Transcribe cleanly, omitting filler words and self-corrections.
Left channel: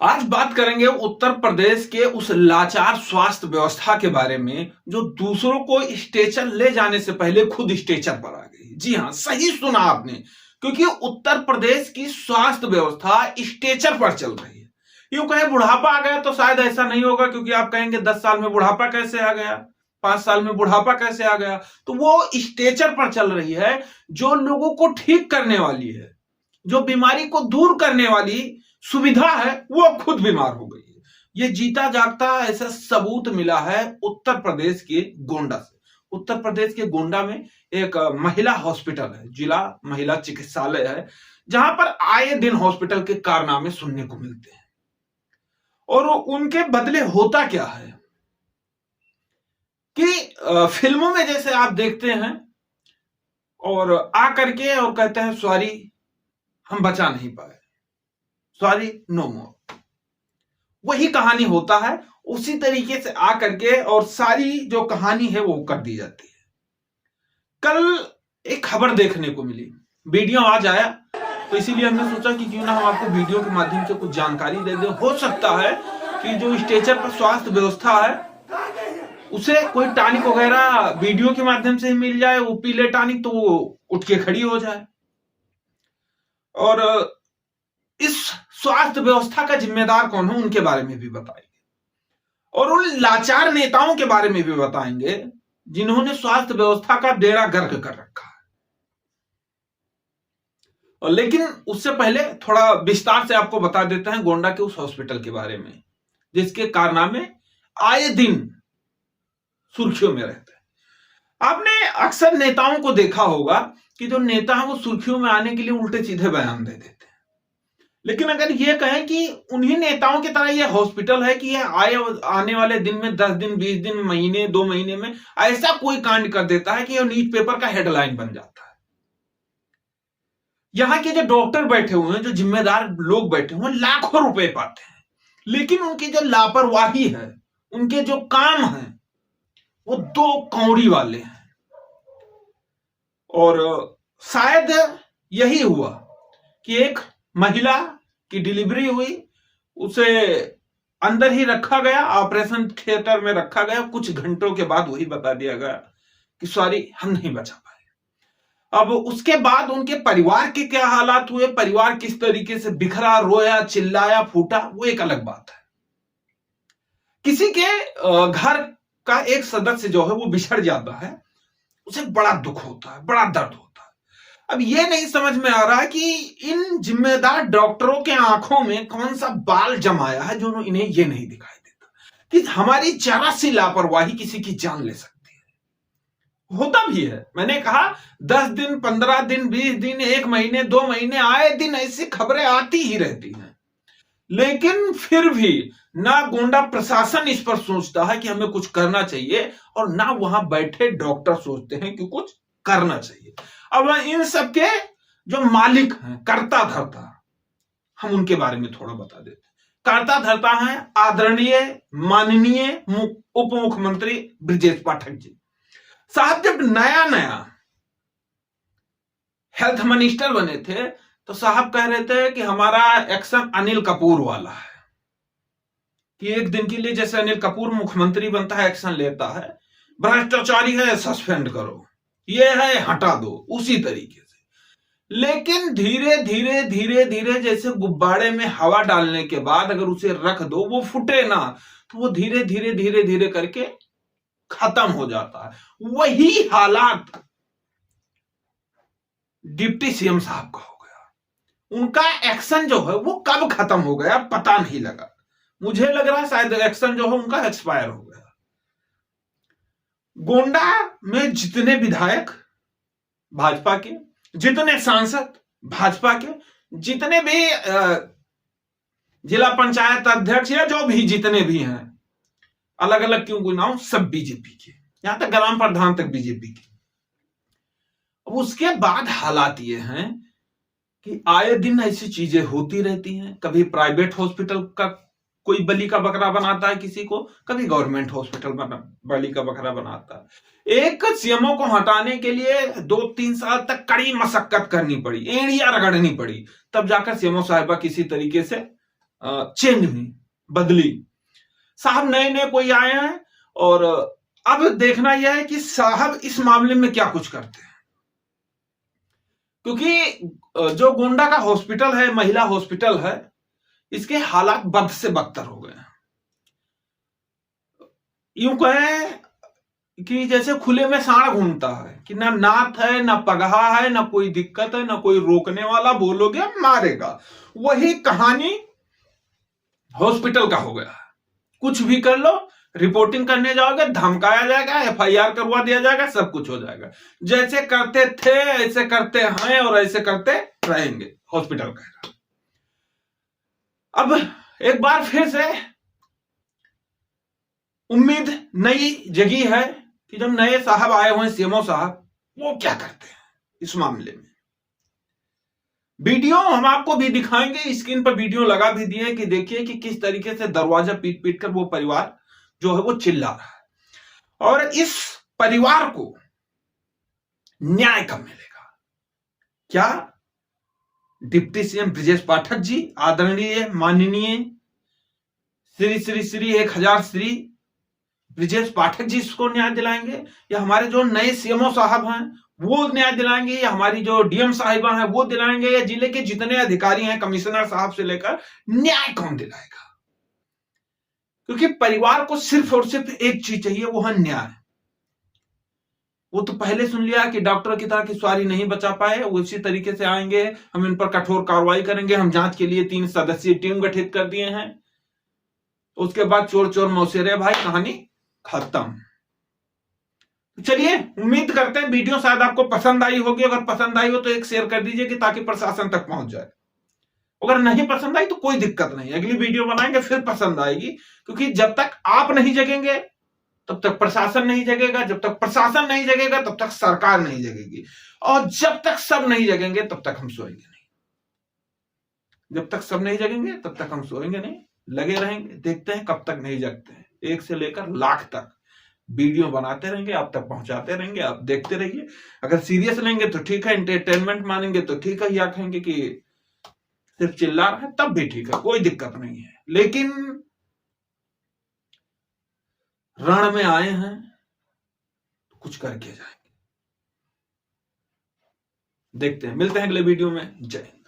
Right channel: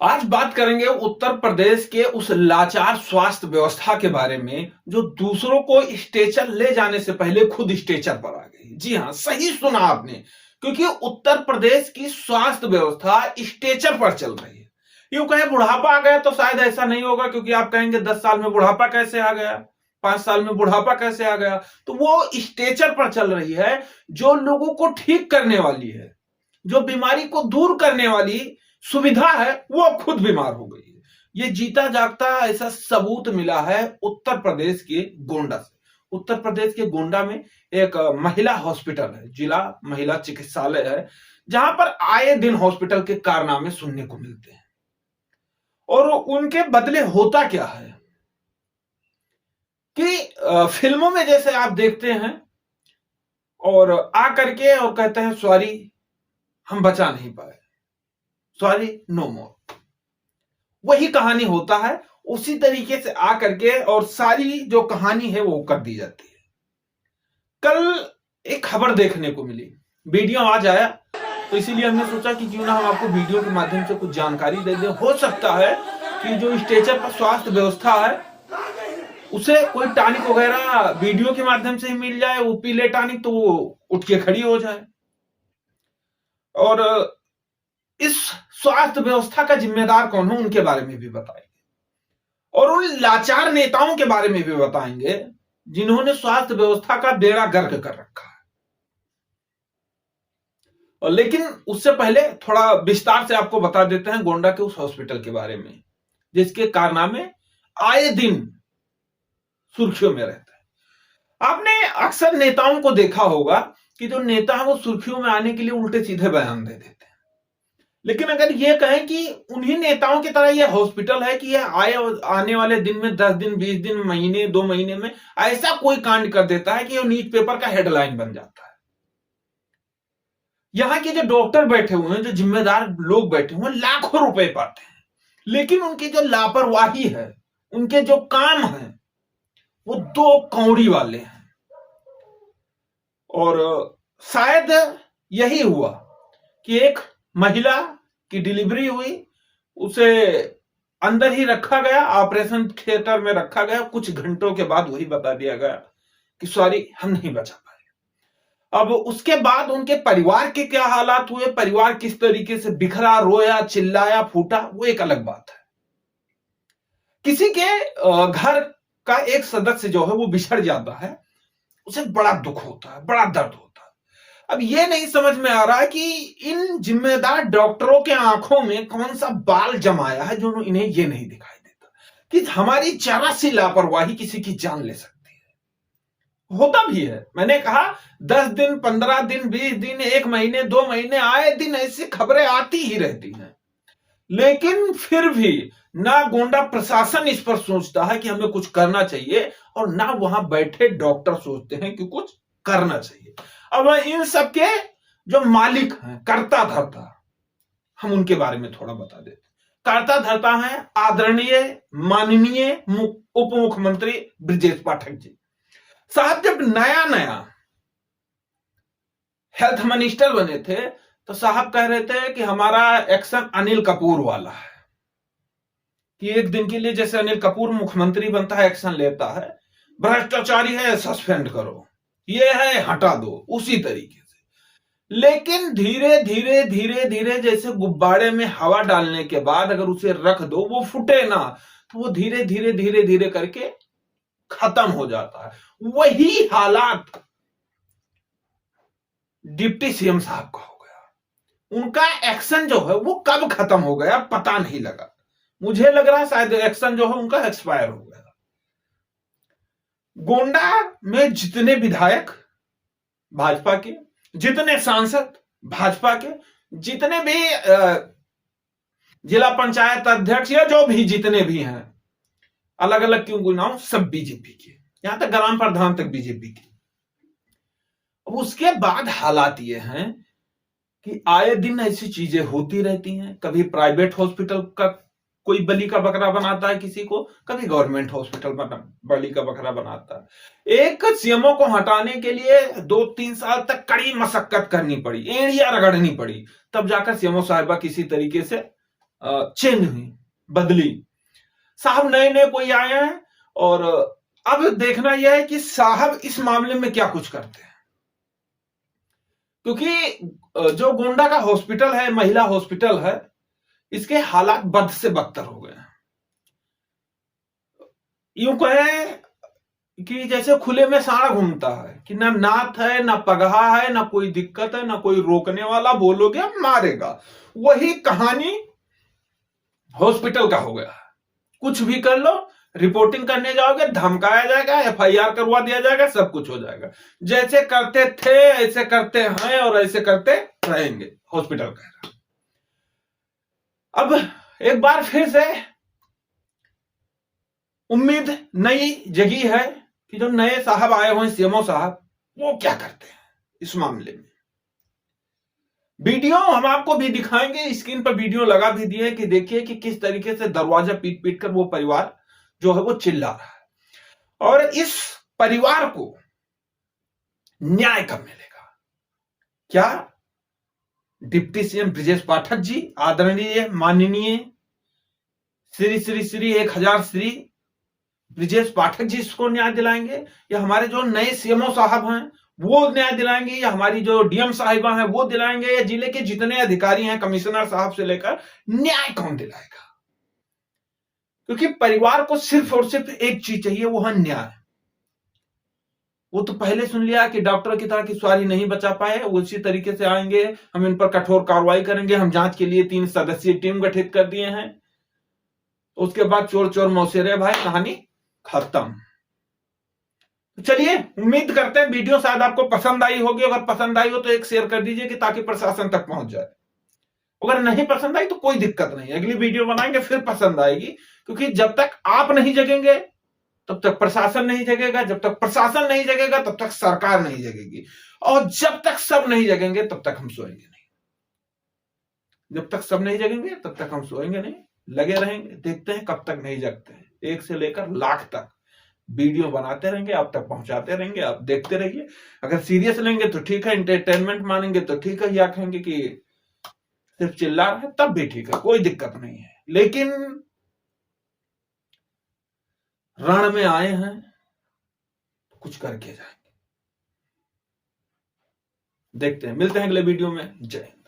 आज बात करेंगे उत्तर प्रदेश के उस लाचार स्वास्थ्य व्यवस्था के बारे में जो दूसरों को स्ट्रेचर ले जाने से पहले खुद स्ट्रेचर पर आ गई। जी हां, सही सुना आपने। क्योंकि उत्तर प्रदेश की स्वास्थ्य व्यवस्था स्ट्रेचर पर चल रही है। यूं कहें बुढ़ापा आ गया तो शायद ऐसा नहीं होगा, क्योंकि आप कहेंगे 10 साल में बुढ़ापा कैसे आ गया, 5 साल में बुढ़ापा कैसे आ गया। तो वो स्ट्रेचर पर चल रही है जो लोगों को ठीक करने वाली है, जो बीमारी को दूर करने वाली सुविधा है, वो अब खुद बीमार हो गई है। ये जीता जागता ऐसा सबूत मिला है उत्तर प्रदेश के गोंडा से। उत्तर प्रदेश के गोंडा में एक महिला हॉस्पिटल है, जिला महिला चिकित्सालय है, जहां पर आए दिन हॉस्पिटल के कारनामे सुनने को मिलते हैं। और उनके बदले होता क्या है कि फिल्मों में जैसे आप देखते हैं और आ करके और कहते हैं सॉरी हम बचा नहीं पाए, सॉरी नो मोर। वही कहानी होता है, उसी तरीके से आकर के और सारी जो कहानी है वो कर दी जाती है। कल एक खबर देखने को मिली, वीडियो आज आया, तो इसीलिए हमने सोचा कि क्यों ना हम आपको वीडियो के माध्यम से कुछ जानकारी दे दें। हो सकता है कि जो स्ट्रेचर पर स्वास्थ्य व्यवस्था है उसे कोई टॉनिक वगैरह वीडियो के माध्यम से ही मिल जाए, वो पी ले टॉनिक तो वो उठ के खड़ी हो जाए। और इस स्वास्थ्य व्यवस्था का जिम्मेदार कौन हो उनके बारे में भी बताएंगे, और उन लाचार नेताओं के बारे में भी बताएंगे जिन्होंने स्वास्थ्य व्यवस्था का बेड़ा गर्क कर रखा है। और लेकिन उससे पहले थोड़ा विस्तार से आपको बता देते हैं गोंडा के उस हॉस्पिटल के बारे में, जिसके कारनामे आए दिन सुर्खियों में रहते हैं। आपने अक्सर नेताओं को देखा होगा कि जो नेता है वो सुर्खियों में आने के लिए उल्टे सीधे बयान दे देते हैं। लेकिन अगर ये कहें कि उन्हीं नेताओं की तरह ये हॉस्पिटल है कि ये आने वाले दिन में 10 दिन, 20 दिन, महीने, 2 महीने में ऐसा कोई कांड कर देता है कि ये न्यूज पेपर का हेडलाइन बन जाता है। यहां के जो डॉक्टर बैठे हुए हैं, जो जिम्मेदार लोग बैठे हुए हैं, लाखों रुपए पाते हैं, लेकिन उनकी जो लापरवाही है, उनके जो काम है, वो 2 कौड़ी वाले हैं। और शायद यही हुआ कि एक महिला की डिलीवरी हुई, उसे अंदर ही रखा गया, ऑपरेशन थिएटर में रखा गया। कुछ घंटों के बाद वही बता दिया गया कि सॉरी हम नहीं बचा पाए। अब उसके बाद उनके परिवार के क्या हालात हुए, परिवार किस तरीके से बिखरा, रोया, चिल्लाया, फूटा, वो एक अलग बात है। किसी के घर का एक सदस्य जो है वो बिछड़ जाता है, उसे बड़ा दुख होता है, बड़ा दर्द होता है। अब ये नहीं समझ में आ रहा है कि इन जिम्मेदार डॉक्टरों के आंखों में कौन सा बाल जमाया है जो इन्हें ये नहीं दिखाई देता कि हमारी जरा सी लापरवाही किसी की जान ले सकती है। होता भी है, मैंने कहा 10 दिन, 15 दिन, 20 दिन, 1 महीने, 2 महीने, आए दिन ऐसी खबरें आती ही रहती हैं। लेकिन फिर भी ना गोंडा प्रशासन इस पर सोचता है कि हमें कुछ करना चाहिए, और ना वहां बैठे डॉक्टर सोचते हैं कि कुछ करना चाहिए। अब इन सबके जो मालिक हैं, कर्ता धर्ता, हम उनके बारे में थोड़ा बता देते हैं। कर्ता धर्ता हैं आदरणीय माननीय उप मुख्यमंत्री ब्रजेश पाठक जी साहब। जब नया नया हेल्थ मिनिस्टर बने थे तो साहब कह रहे थे कि हमारा एक्शन अनिल कपूर वाला है, कि एक दिन के लिए जैसे अनिल कपूर मुख्यमंत्री बनता है, एक्शन लेता है, भ्रष्टाचारी है सस्पेंड करो, ये है हटा दो, उसी तरीके से। लेकिन धीरे धीरे धीरे धीरे जैसे गुब्बारे में हवा डालने के बाद अगर उसे रख दो, वो फूटे ना, तो वो धीरे धीरे धीरे धीरे करके खत्म हो जाता है। वही हालात डिप्टी सीएम साहब का हो गया। उनका एक्शन जो है वो कब खत्म हो गया पता नहीं लगा। मुझे लग रहा है शायद एक्शन जो है उनका एक्सपायर हो गया। गोंडा में जितने विधायक भाजपा के, जितने सांसद भाजपा के, जितने भी जिला पंचायत अध्यक्ष या जो भी जितने भी हैं, अलग अलग क्यों गुनाहों, सब बीजेपी के, यहां तक ग्राम प्रधान तक बीजेपी के। अब उसके बाद हालात ये हैं कि आए दिन ऐसी चीजें होती रहती हैं। कभी प्राइवेट हॉस्पिटल का कोई बलि का बकरा बनाता है किसी को, कभी गवर्नमेंट हॉस्पिटल बलि का बकरा बनाता है। एक सीएमओ को हटाने के लिए 2-3 साल तक कड़ी मशक्कत करनी पड़ी, एड़ियां रगड़नी पड़ी, तब जाकर सीएमओ साहिबा किसी तरीके से चेंज हुई, बदली। साहब नए नए कोई आए हैं और अब देखना यह है कि साहब इस मामले में क्या कुछ करते हैं, क्योंकि जो गोंडा का हॉस्पिटल है, महिला हॉस्पिटल है, इसके हालात बद से बदतर हो गए हैं। यूं कहें कि जैसे खुले में सांड घूमता है, कि ना नाथ है, ना पगहा है, ना कोई दिक्कत है, ना कोई रोकने वाला, बोलोगे मारेगा। वही कहानी हॉस्पिटल का हो गया। कुछ भी कर लो, रिपोर्टिंग करने जाओगे धमकाया जाएगा, एफआईआर करवा दिया जाएगा, सब कुछ हो जाएगा। जैसे करते थे ऐसे करते हैं और ऐसे करते रहेंगे, हॉस्पिटल कह रहा। अब एक बार फिर से उम्मीद नई जगी है कि जो नए साहब आए हुए हैं, सीएमओ साहब, वो क्या करते हैं इस मामले में। वीडियो हम आपको भी दिखाएंगे, स्क्रीन पर वीडियो लगा भी दिए कि देखिए कि किस तरीके से दरवाजा पीट पीट कर वो परिवार जो है वो चिल्ला रहा है। और इस परिवार को न्याय कब मिलेगा? क्या डिप्टी सीएम ब्रजेश पाठक जी, आदरणीय माननीय श्री श्री श्री 1000 श्री ब्रजेश पाठक जी इसको न्याय दिलाएंगे, या हमारे जो नए सीएमओ साहब हैं वो न्याय दिलाएंगे, या हमारी जो डीएम साहिबा हैं वो दिलाएंगे, या जिले के जितने अधिकारी हैं कमिश्नर साहब से लेकर, न्याय कौन दिलाएगा? क्योंकि परिवार को सिर्फ और सिर्फ एक चीज चाहिए, वो है न्याय। वो तो पहले सुन लिया कि डॉक्टर की तरह की सवारी नहीं बचा पाए, वो इसी तरीके से आएंगे, हम इन पर कठोर कार्रवाई करेंगे, हम जांच के लिए 3 सदस्यीय टीम गठित कर दिए हैं। उसके बाद चोर चोर मौसेरे भाई, कहानी खत्म। चलिए, उम्मीद करते हैं वीडियो शायद आपको पसंद आई होगी। अगर पसंद आई हो तो एक शेयर कर दीजिए कि ताकि प्रशासन तक पहुंच जाए। अगर नहीं पसंद आई तो कोई दिक्कत नहीं, अगली वीडियो बनाएंगे फिर पसंद आएगी। क्योंकि जब तक आप नहीं जगेंगे तब तक प्रशासन नहीं जगेगा, जब तक प्रशासन नहीं जगेगा तब तक सरकार नहीं जगेगी, और जब तक सब नहीं जगेंगे तब तक हम सोएंगे नहीं। जब तक सब नहीं जगेंगे तब तक हम सोएंगे नहीं, लगे रहेंगे, देखते हैं कब तक नहीं जगते हैं। 1 से लेकर लाख तक वीडियो बनाते रहेंगे, आप तक पहुंचाते रहेंगे, आप देखते रहिए। अगर सीरियस लेंगे तो ठीक है, एंटरटेनमेंट मानेंगे तो ठीक है, या कहेंगे कि सिर्फ चिल्ला रहा है तब भी ठीक है, कोई दिक्कत नहीं है। लेकिन रण में आए हैं तो कुछ करके जाएंगे। देखते हैं, मिलते हैं अगले वीडियो में। जय हिंद।